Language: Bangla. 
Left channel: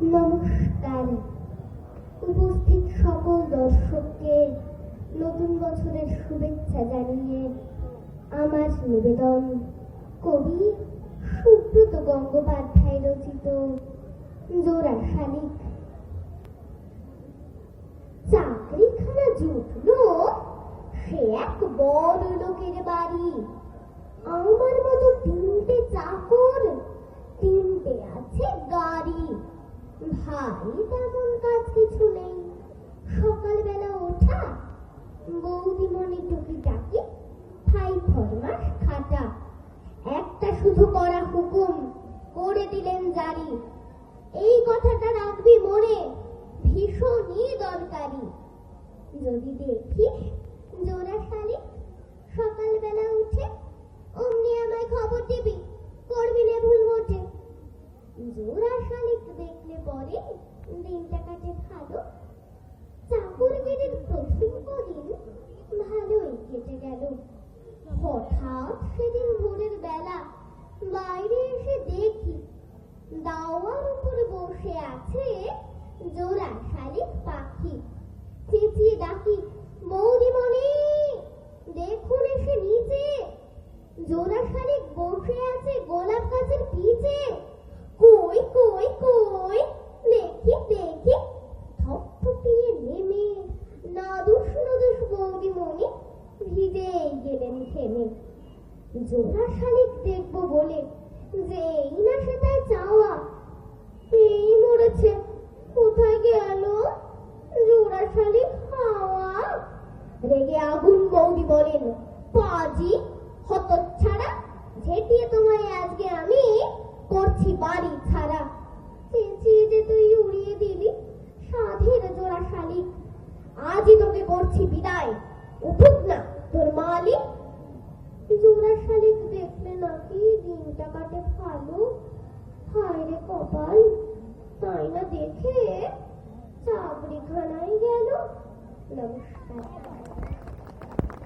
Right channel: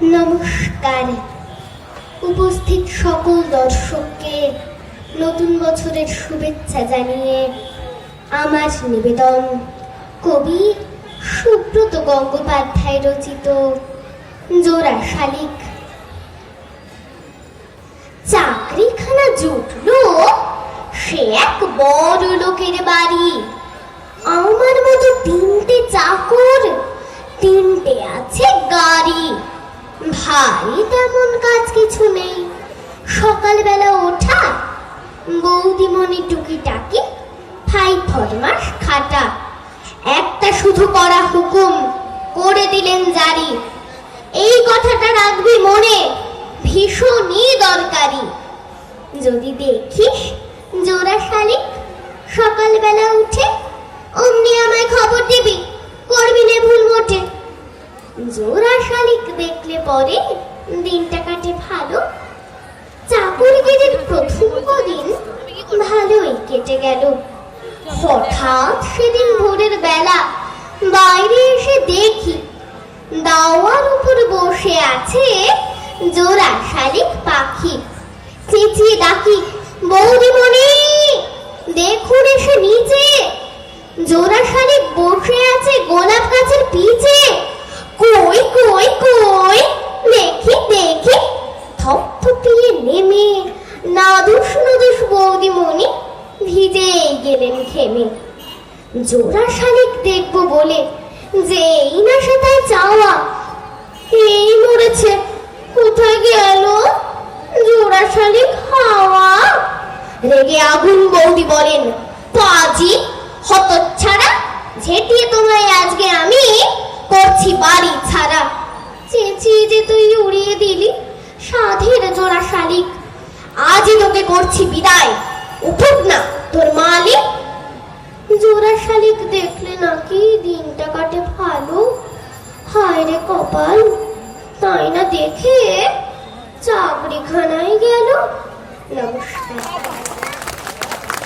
নমস্কার। উপস্থিত সকল দর্শককে নতুন বছরের শুভেচ্ছা জানিয়ে আমার নিবেদন কবি সুব্রত গঙ্গোপাধ্যায় রচিত জোড়া শালিক। চাকরিখানা জুটলো সে এক বড় লোকের বাড়ি। আমার মতো তিনটে চাকর, তিনটে আছে গাড়ি। ভাই তেমন কাজ কিছু নেই, সকালবেলা ওঠা, বৌদিমণি টুকিটাকি, ভাই ফরমাস খাটা। একটা শুধু করা হুকুম করে দিলেন জারি, এই কথাটা রাখবি মনে, ভীষণই দরকারি। যদি দেখিস জোড়া শালিক সকালবেলা উঠে, অমনি আমায় খবর দিবি, করবি না ভুল মোটে। জোড়া শালিক দেখলে পরে দিনটা কাটে ভালো। চাকরিগিরির প্রথম কদিন ভালোই কেটে গেল। হঠাৎ সেদিন ভোরের বেলা বাইরে এসে দেখি দাওয়ার উপর বসে আছে জোড়া শালিক পাখি। চেঁচিয়ে ডাকি, বৌদিমণি দেখুন এসে নিচে। জোড়া শালিক বসে আছে গোলাপ গাছের পিছে। কই কই কই, দেখি দেখি। থপথপিয়ে নেমে নাদুস নুদুস বৌদিমণি ভিজে গেলেন ঘেমে। জোড়া শালিক দেখবো বলে যেই না সে তাই চাওয়া, এই মরেছে, কোথায় গেল জোড়া শালিক হাওয়া। রেগে আগুন বৌদি বলেন, পাজি হতচ্ছাড়া, ঝেঁটিয়ে তোমায় আজকে আমি করছি বাড়ি ছাড়া। চেঁচিয়ে যে তুই উড়িয়ে দিলি সাধের জোড়া শালিক, আজই তোকে করছি বিদায়, উঠুক না তোর মালিক। জোড়া শালিক দেখলে নাকি দিনটা কাটে ভালো। হায় রে কপাল, তাই না দেখে চাকরিখানায় গেল। নমস্কার।